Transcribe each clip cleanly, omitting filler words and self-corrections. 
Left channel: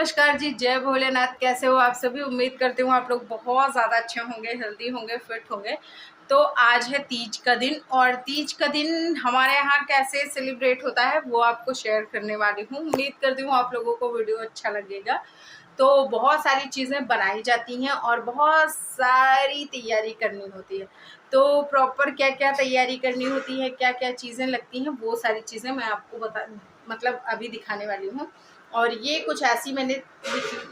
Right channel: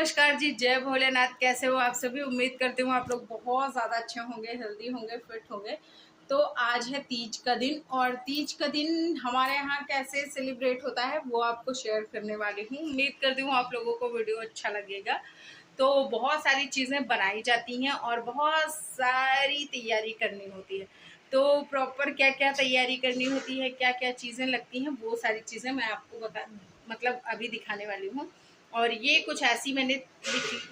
नमस्कार जी, जय भोलेनाथ। कैसे हो आप सभी? उम्मीद करती हूँ आप लोग बहुत ज़्यादा अच्छे होंगे, हेल्दी होंगे, फिट होंगे। तो आज है तीज का दिन और तीज का दिन हमारे यहाँ कैसे सेलिब्रेट होता है वो आपको शेयर करने वाली हूँ। उम्मीद करती हूँ आप लोगों को वीडियो अच्छा लगेगा। तो बहुत सारी चीज़ें बनाई जाती हैं और बहुत सारी तैयारी करनी होती है। तो प्रॉपर क्या क्या तैयारी करनी होती है, क्या क्या चीज़ें लगती हैं, वो सारी चीज़ें मैं आपको मतलब अभी दिखाने वाली हूँ। और ये कुछ ऐसी मैंने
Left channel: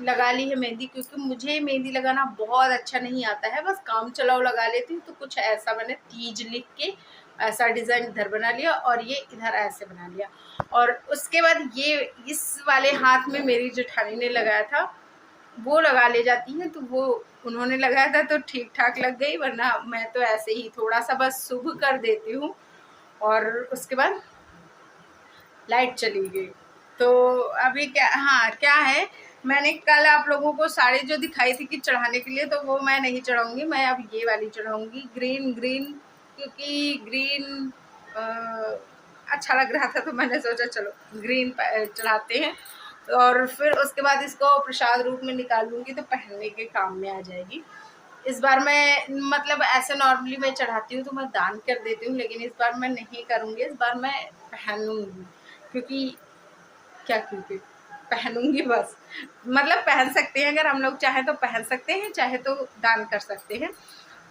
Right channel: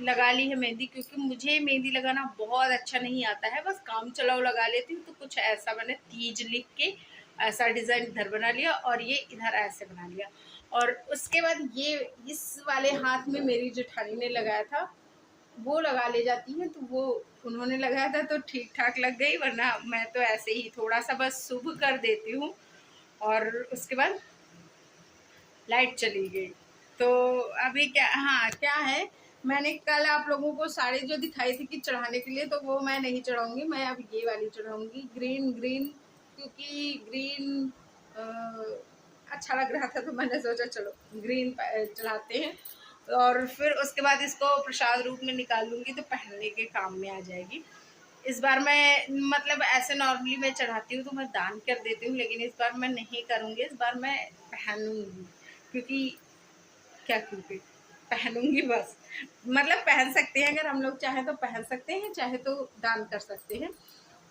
लगा ली है मेहंदी, क्योंकि मुझे मेहंदी लगाना बहुत अच्छा नहीं आता है, बस काम चलाओ लगा लेती हूँ। तो कुछ ऐसा मैंने तीज लिख के ऐसा डिज़ाइन इधर बना लिया और ये इधर ऐसे बना लिया। और उसके बाद ये इस वाले हाथ में मेरी जेठानी ने लगाया था, वो लगा ले जाती है, तो वो उन्होंने लगाया था तो ठीक ठाक लग गई, वरना मैं तो ऐसे ही थोड़ा सा बस शुभ कर देती हूँ। और उसके बाद लाइट चली गई। तो अभी क्या, हाँ क्या है, मैंने कल आप लोगों को साड़ी जो दिखाई थी कि चढ़ाने के लिए, तो वो मैं नहीं चढ़ाऊंगी। मैं अब ये वाली चढ़ाऊंगी, ग्रीन, क्योंकि ग्रीन अच्छा लग रहा था, तो मैंने सोचा चलो ग्रीन चढ़ाते हैं। और फिर उसके बाद इसको प्रसाद रूप में निकाल लूँगी तो पहनने के काम में आ जाएगी। इस बार मैं मतलब ऐसे नॉर्मली मैं चढ़ाती हूँ तो मैं दान कर देती हूँ, लेकिन इस बार मैं नहीं करूँगी। इस बार मैं पहनूंगी, क्योंकि क्योंकि पहनूंगी बस। मतलब पहन सकते हैं, अगर हम लोग चाहें तो पहन सकते हैं, चाहे तो दान कर सकते हैं।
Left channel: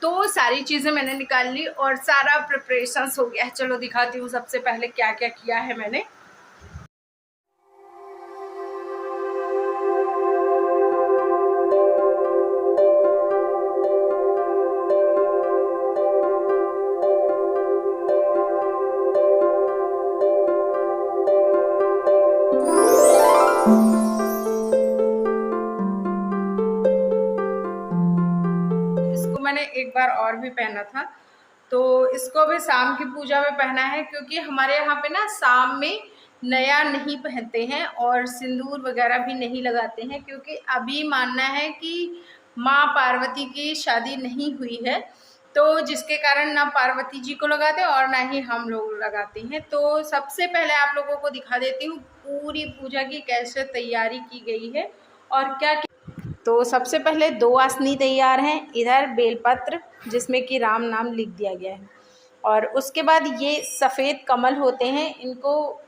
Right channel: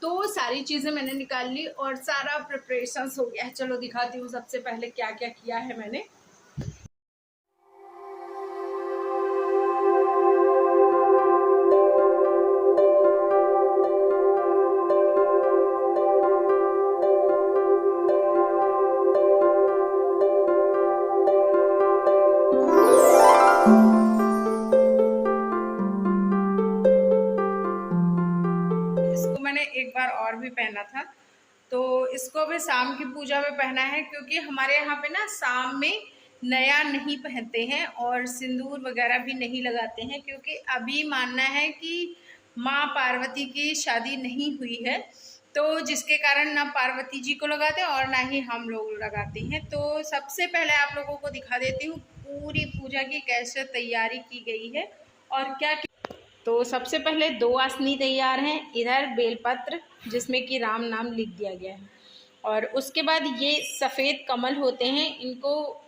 तो सारी चीज़ें मैंने निकाल ली और सारा प्रिपरेशंस हो गया। चलो दिखाती हूँ सबसे पहले क्या क्या किया है मैंने। मैंने एक बार और भी पहना था, तो इसको भी शाम की पूजा में पहना है, क्योंकि हमारे यहाँ पे ना शाम में नया नहीं पहनते हैं और सिंदूर वगैरह भी नहीं लगाते हैं, क्योंकि अभी मानना है कि माँ पार्वती की शादी नहीं हुई है, तो जिसके कारण ना पार्वती जी को लगाते और ना ही हम लोग लगाते हैं। तो सबसे पहले आप लोगों को दिखा देती हूँ पूरी पूजा की कैसे तैयारी की गई है और क्या। तो सबसे पहले 2 आसनी तैयार हैं, इधर बेलपत्र जिसमें कि राम नाम लिख दिया गया है, और उसके बाद ये सफ़ेद कमल होते हैं, इनको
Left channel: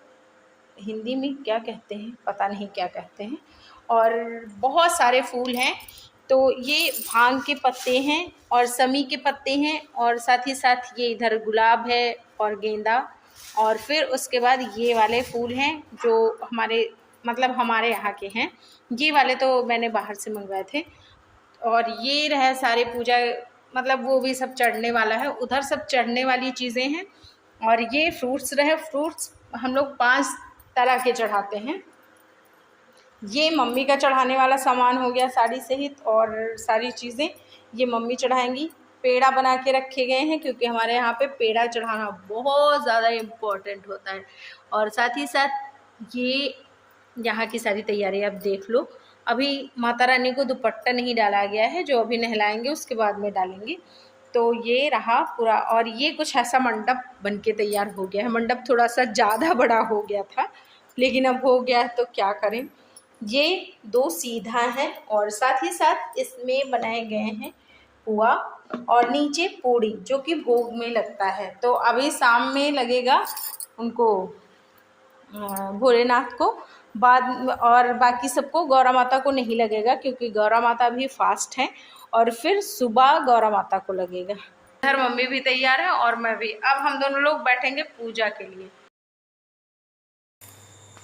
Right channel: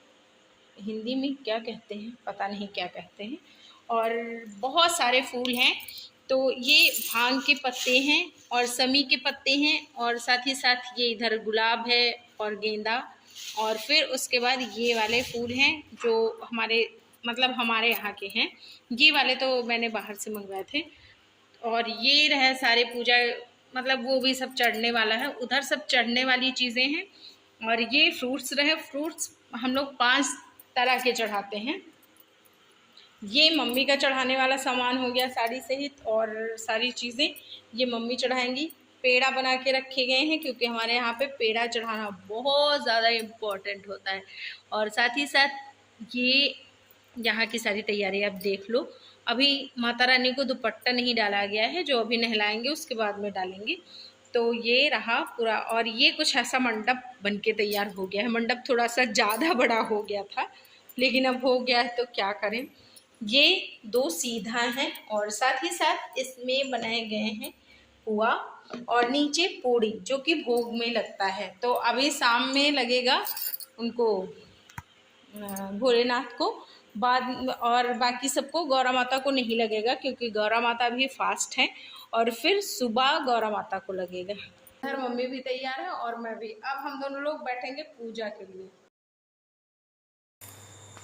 हिंदी में क्या कहते हैं पता नहीं क्या कहते हैं, और बहुत सारे फूल हैं। तो ये भांग के पत्ते हैं और समी के पत्ते हैं, और साथ ही साथ ये इधर गुलाब है और गेंदा, और फिर उसके बाद ये वाले फूल हैं जो हमारे यहाँ के हैं। ये वाले तो मैंने बाहर से मंगवाए थे। और ये रहे सारे पूजा, मतलब वो भी सब चढ़ने वाला है, उधर सब चढ़ने वाली चीज़ें हैं। और ये फ्रूट्स रहे, फ्रूट्स हम लोग 5 तरह के चढ़ाते हैं। ये मम्मी का चढ़ाने वाला सामान हो गया साड़ी सहित, और सारी चीज़ें ये मम्मी चढ़ाएंगी। पेड़ा बना के रखे गए हैं, क्योंकि हमारे यहाँ पे पेड़ा चढ़ाना बहुत ज़्यादा इम्पोर्टेंट होता है। और साथ ही साथ ये यहाँ की सारी तैयारी आप देख लो। अभी माता रानी को दुपट्टा नहीं डाला गया है, जो अभी नहलाएंगे उसके बाद में डालेंगे। तो ये रहा पूरा, और ये कुछ ऐसा मंडप बन के तैयार हो गया है। मंडप थोड़ा सा ज़्यादा बड़ा हो गया था, लेकिन अब हो गया है तो क्या करें। ये 2 सीधा है और साथ ही साथ इसमें बनाए गए हैं पुआ और नीचे पूड़ी, जो कि भोग में लगता है। तो अभी शाम में लगेगा उनको, भोलेनाथ को, बाद और बाकी सबको, गौरा माता को नहीं लगेगा, क्योंकि गौरा माता भी फास्ट हैं, और फिर सुबह गौरा माता को लगेगा। इधर मम्मी भी तैयार है और मैं भी। अब हम दोनों लोग बैठेंगे पूजा के लिए।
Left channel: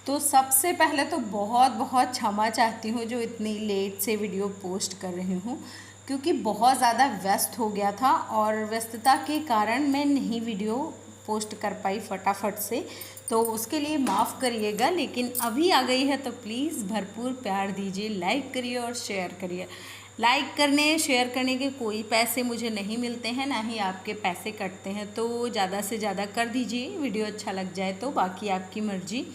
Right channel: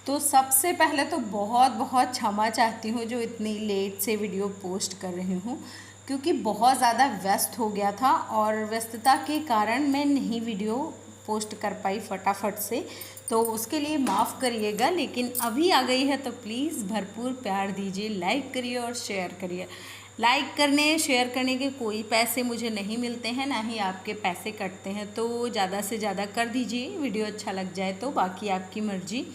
तो सबसे पहले तो बहुत बहुत क्षमा चाहती हूँ जो इतनी लेट से वीडियो पोस्ट कर रही हूँ, क्योंकि बहुत ज़्यादा व्यस्त हो गया था और व्यस्तता के कारण मैं नहीं वीडियो पोस्ट कर पाई फटाफट से, तो उसके लिए माफ़ करिएगा। लेकिन अभी आ गई है तो प्लीज़ भरपूर प्यार दीजिए, लाइक करिए और शेयर करिए। लाइक करने शेयर करने के कोई पैसे मुझे नहीं मिलते हैं, ना ही आपके पैसे कटते हैं, तो ज़्यादा से ज़्यादा कर दीजिए। वीडियो अच्छा लग जाए तो बाकी आपकी मर्ज़ी।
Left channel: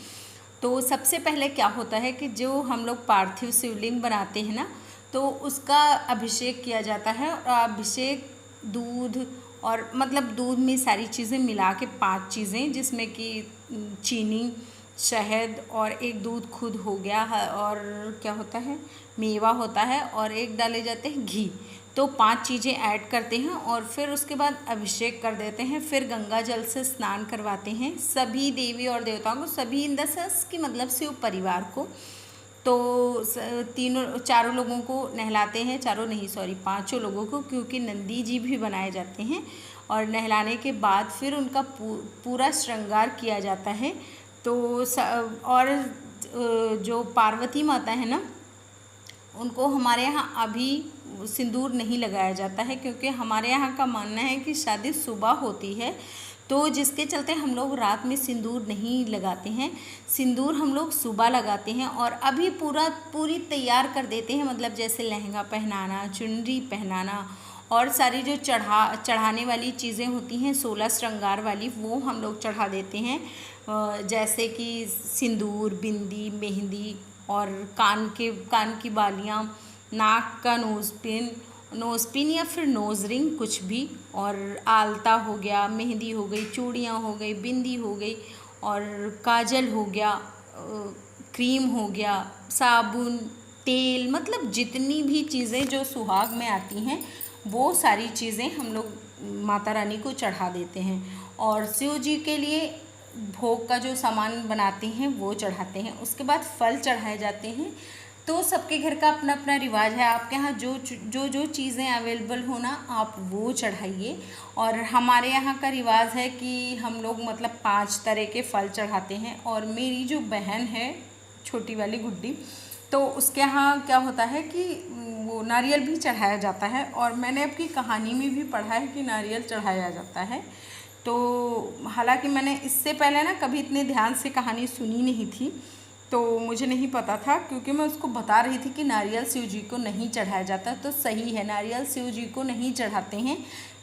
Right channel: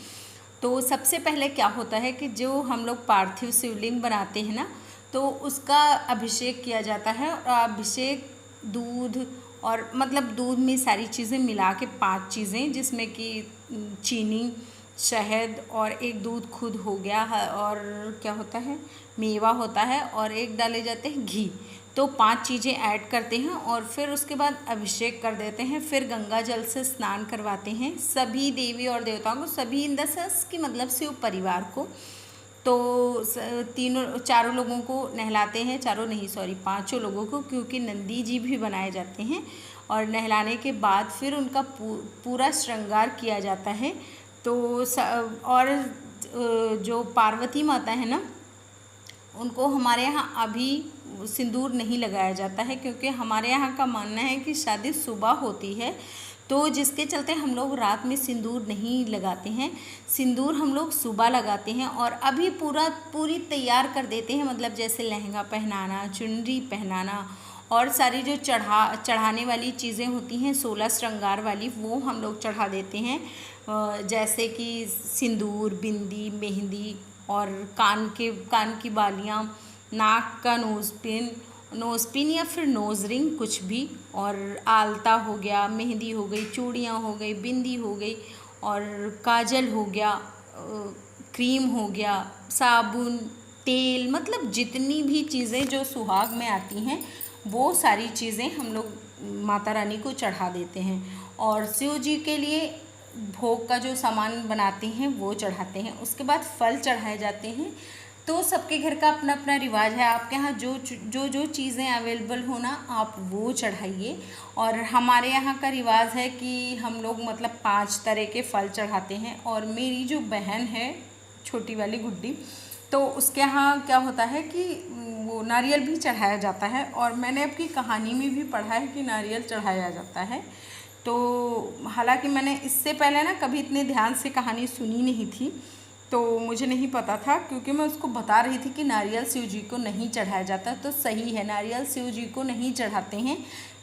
तो सबसे पहले क्या होता है कि जो हम लोग पार्थिव शिवलिंग बनाते हैं ना, तो उसका अभिषेक किया जाता है। और अभिषेक दूध, और मतलब दूध में सारी चीज़ें मिला के 5 चीज़ें, जिसमें कि चीनी शहद और एक दूध खुद हो गया और क्या होता है, मेवा होता है, और एक डाले जाते हैं घी। तो 5 चीज़ें ऐड करते हैं और फिर उसके बाद अभिषेक कर देते हैं। फिर गंगा जल से स्नान करवाते हैं सभी देवी और देवताओं को, सभी इन द सेंस कि मतलब शिव परिवार को। तो तीनों चारों लोगों को नहलाते हैं, चारों नहीं सॉरी 5 लोगों को, क्योंकि नंदी जी भी बनाए जाते हैं। और नहलाने के बाद फिर उनका पूरा श्रृंगार किया जाता है। तो और जो पार्वती माता है ना, उनको हमारे यहाँ अभी सिंदूर नहीं लगाया जाता है, क्योंकि हमारे यहाँ का मानना है कि शादी सुबह होती है, तो जिसके चलते हम लोग रात में सिंदूर नहीं लगाते हैं। सिंदूर हम लोग सुबह लगाते हैं और अभी पूरी तैयार कर देते हैं, मतलब जैसे लहंगा पहनाना, चुनरी पहनाना और सारी जो चढ़ाने वाली चीज़ें होती हैं 16 श्रृंगार वाली, वो हम लोग चढ़ा देते हैं। जैसे कि सिंदूर, बिंदी, मेहंदी और कान की बालियाँ, नाक का नोज़ पिन या फिर नोज़ रिंग कुछ भी, और आलता हो गया, मेहंदी हो गई, चूड़ियाँ हो गई, बिंदी हो गई और काजल हो गया, क्रीम हो गया, साबुन, तेल, मतलब जितनी भी चीज़ें जो सुहाग में आती हैं वो सारी चीज़ें हम लोग माता रानी को चढ़ा देते हैं। और शिव जी के लिए भोग का जो सामान बनाते हैं वो चढ़ाते हैं। उसके बाद फल चढ़ाए जाते हैं। तो सबके घर का अपना अपना रिवाज है, आपके यहाँ जो चीज़ें अवेलेबल हो ना, आप वो चढ़ाइए। और हमारे यहाँ का रिवाज है कि हम लोग मतलब 5 तरह के फल चढ़ाते हैं। और मेरी जो बहन है छोटी वाली गुड्डी, तो उसके यहाँ क्या होता है कि वो नारियल भी चढ़ाया जाता है। और मैंने आपकी कहानी में भी पढ़ा है कि नारियल चढ़ाया जाता है। तो हालांकि मैंने इससे पहले ना कभी इतने ध्यान से कहानी सुनी नहीं थी, तो मुझे नहीं पता था, क्योंकि मैं उसको बता रही थी कि नारियल शिव जी को नहीं चढ़ाया जाता। तो सही है, नारियल शिव जी को नहीं चढ़ाते हैं,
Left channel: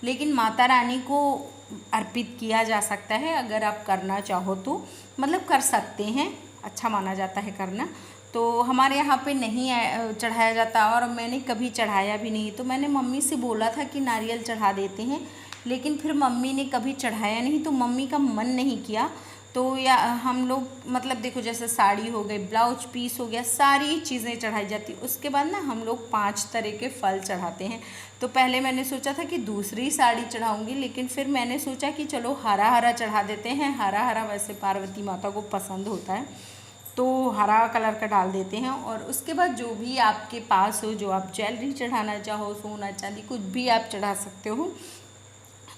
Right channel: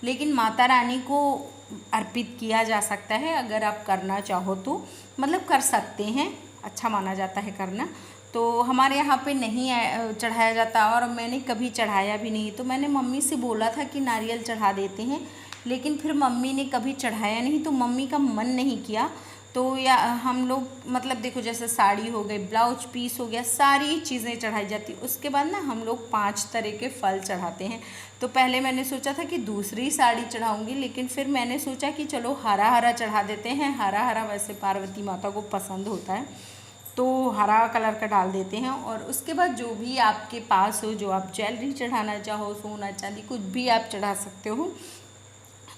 लेकिन माता रानी को अर्पित किया जा सकता है। अगर आप करना चाहो तो मतलब कर सकते हैं, अच्छा माना जाता है करना। तो हमारे यहाँ पे नहीं चढ़ाया जाता और मैंने कभी चढ़ाया भी नहीं। तो मैंने मम्मी से बोला था कि नारियल चढ़ा देते हैं, लेकिन फिर मम्मी ने कभी चढ़ाया नहीं, तो मम्मी का मन नहीं किया। तो या हम लोग मतलब देखो, जैसे साड़ी हो गई, ब्लाउज पीस हो गया, सारी चीज़ें चढ़ाई जाती। उसके बाद ना हम लोग 5 तरह के फल चढ़ाते हैं। तो पहले मैंने सोचा था कि दूसरी साड़ी चढ़ाऊँगी, लेकिन फिर मैंने सोचा कि चलो हरा हरा चढ़ा देते हैं। हरा हरा वैसे पार्वती माता को पसंद होता है, तो हरा कलर का डाल देते हैं। और उसके बाद जो भी आपके पास हो, जो आप ज्वेलरी चढ़ाना चाहो, सोना चांदी कुछ भी आप चढ़ा सकते हो।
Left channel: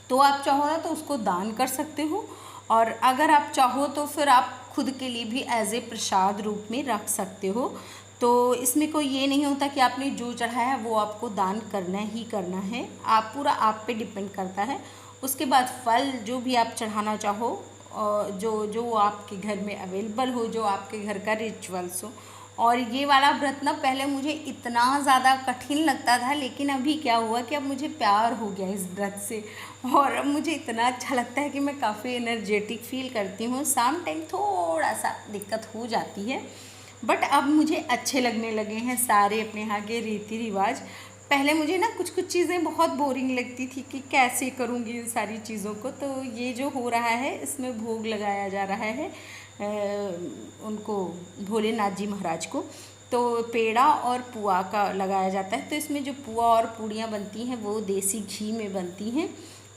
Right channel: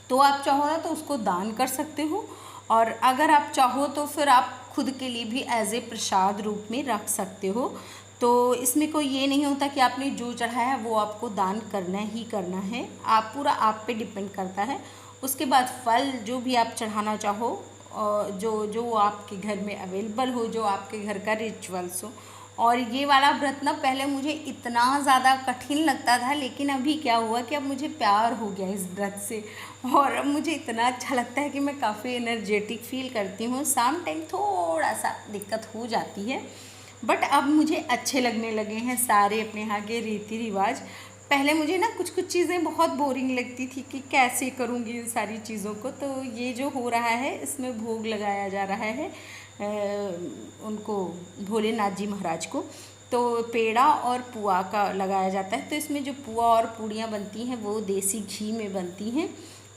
तो आप चाहो ना तो उसको दान कर सकते हो, और अगर आप चाहो तो फिर आप खुद के लिए भी एज ए प्रसाद रूप में रख सकते हो। तो इसमें कोई ये नहीं होता कि आपने जो चढ़ाया है वो आपको दान करना ही करना है, आप पूरा आप पे डिपेंड करता है। उसके बाद फल जो भी आप चढ़ाना चाहो, और जो आपके घर में अवेलेबल हो, जो आपके घर का रिचुअल्स हो। और ये वाला व्रत ना पहले मुझे इतना ज़्यादा कठिन लगता था, लेकिन अभी क्या हुआ कि अब मुझे प्यार हो गया इस व्रत से, और अब मुझे इतना अच्छा लगता है कि मैं काफ़ी एनर्जेटिक फील करती हूँ। शाम टाइम थोड़ा सा दिक्कत हो जाती है, बट अब मुझे अच्छे लगने लगे हैं सारे अपने यहाँ के रीति रिवाज। पहले मुझे ना कुछ कुछ चीज़ें बहुत बोरिंग लगती थी कि कैसे करूँगी इन सारी चीज़ों को। तो ये जो हो रहा है, इसमें भोग लगाया जा रहा है उनको, भोलेनाथ जी महाराज को। तो पेड़ा और पुआ का लगाया जाता है। तो इसमें जो पुआ और पूड़ियाँ बनती हैं वो देसी घी में बनती हैं,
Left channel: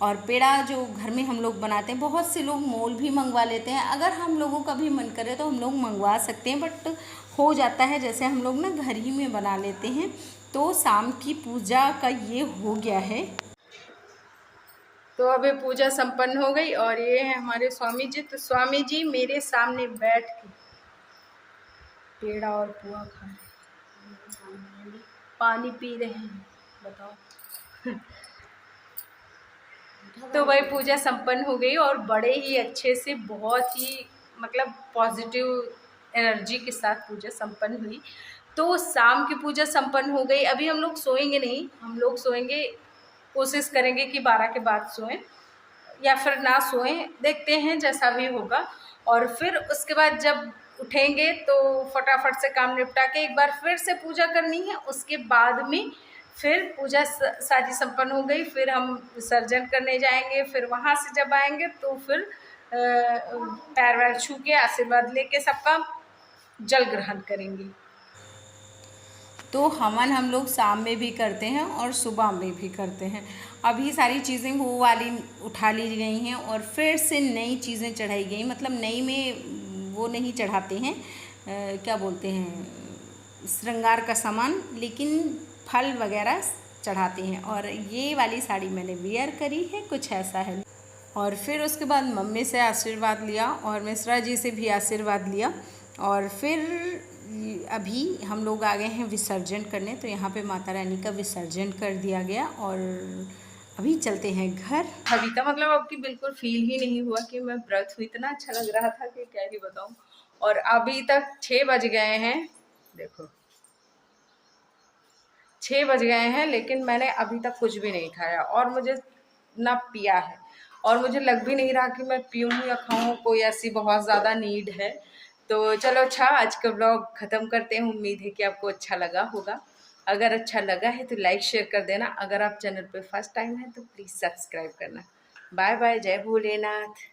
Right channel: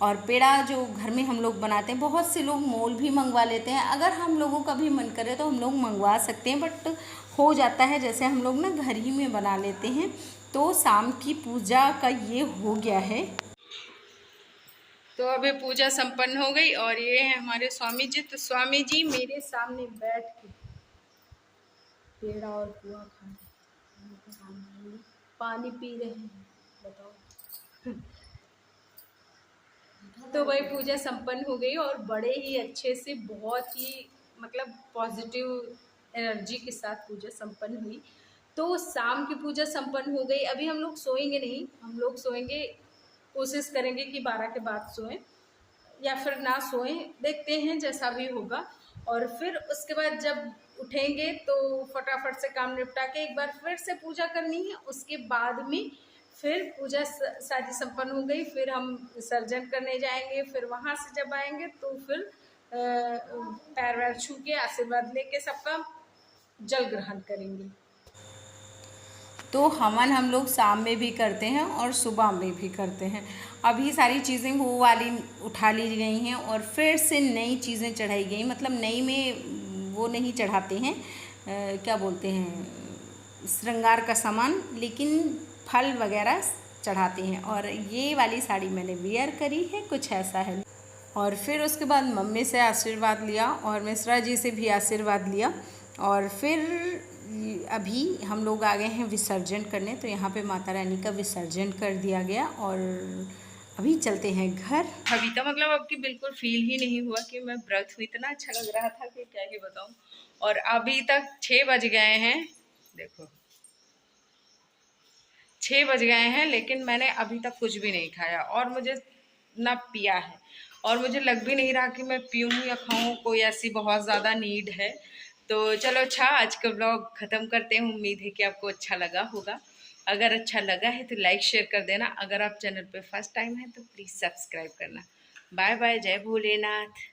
और पेड़ा जो घर में हम लोग बनाते हैं, बहुत से लोग मोल भी मंगवा लेते हैं। अगर हम लोगों का भी मन करे तो हम लोग मंगवा सकते हैं, बट हो जाता है जैसे हम लोग ना घर ही में बना लेते हैं। तो शाम की पूजा का ये हो गया है। तो अभी पूजा संपन्न हो गई और ये है हमारे स्वामी जी। तो स्वामी जी मेरे सामने बैठ के पेड़ा और पुआ खा रहे हैं, पानी पी रहे हैं, बताओ। तो भाई पूजा संपन्न हो गई और बड़े ही अच्छे से, बहुत ही मतलब पॉजिटिव एनर्जी के साथ पूजा संपन्न हुई। तो शाम की पूजा संपन्न हो गई। अभी हम लोग सोएंगे नहीं, हम लोग सोएंगे, कोशिश करेंगे कि 12 के बाद सोएं या फिर ना सोएं, देखते हैं जैसा भी होगा। और फिर उसके बाद जब उठेंगे तो फटाफट से काम निपटा के एक बार फिर से पूजा करनी है। उसके बाद में फिर पूजा सारी संपन्न हो गई, फिर हम विसर्जन करने जाएंगे। फिर वहाँ से जब आएंगे तो फिर पैर वैर छू के आशीर्वाद लेके सबका जल ग्रहण करेंगी। तो हवन हम लोग शाम में भी करते हैं और सुबह में भी करते हैं। अभी सारी चीज़ें वो वाली उठा ली गई हैं और फिर से नई चीज़ें चढ़ाई गई, मतलब नई में वो नहीं चढ़ाते हैं, क्या बोलते हैं, श्रृंगार का सामान, लेकिन फल वगैरह चढ़ाते हैं। और ये वाली साड़ी मैंने वियर करी है, कुछ ऐसा है। और फिर उसके बाद मम्मी से आशीर्वाद लिया और मिश्रा जी से भी आशीर्वाद लिया। और फिर अभी हम लोग आ गए हैं विसर्जन करने, तो यहाँ पे माता रानी का विसर्जन कर दिया गया और अभी चलते हैं घर। अभी तो मतलब आपकी बिल्कुल फील ही नहीं हुआ कि मैं व्रत हुई, इतना अच्छा लग रहा था कि क्या ही बताऊं। और अभी तक 6 बज गए हैं, देखो 6 बज गए हैं, लेकिन मैंने अभी तक कुछ भी नहीं खाया और मुझे ना पिया है और मुझे लग भी नहीं रहा कि मैं पीऊँ या खाऊँ, कोई ऐसी बहुत ज़्यादा नीड है। तो चलो अच्छा, आज का ब्लॉग ख़त्म करते हैं। उम्मीद है कि आपको अच्छा लगा होगा। अगर अच्छा लगा है तो लाइक शेयर कर देना। अगर आप चैनल पे फर्स्ट टाइम है तो प्लीज़ सब्सक्राइब करना। बाय बाय, जय भोलेनाथ।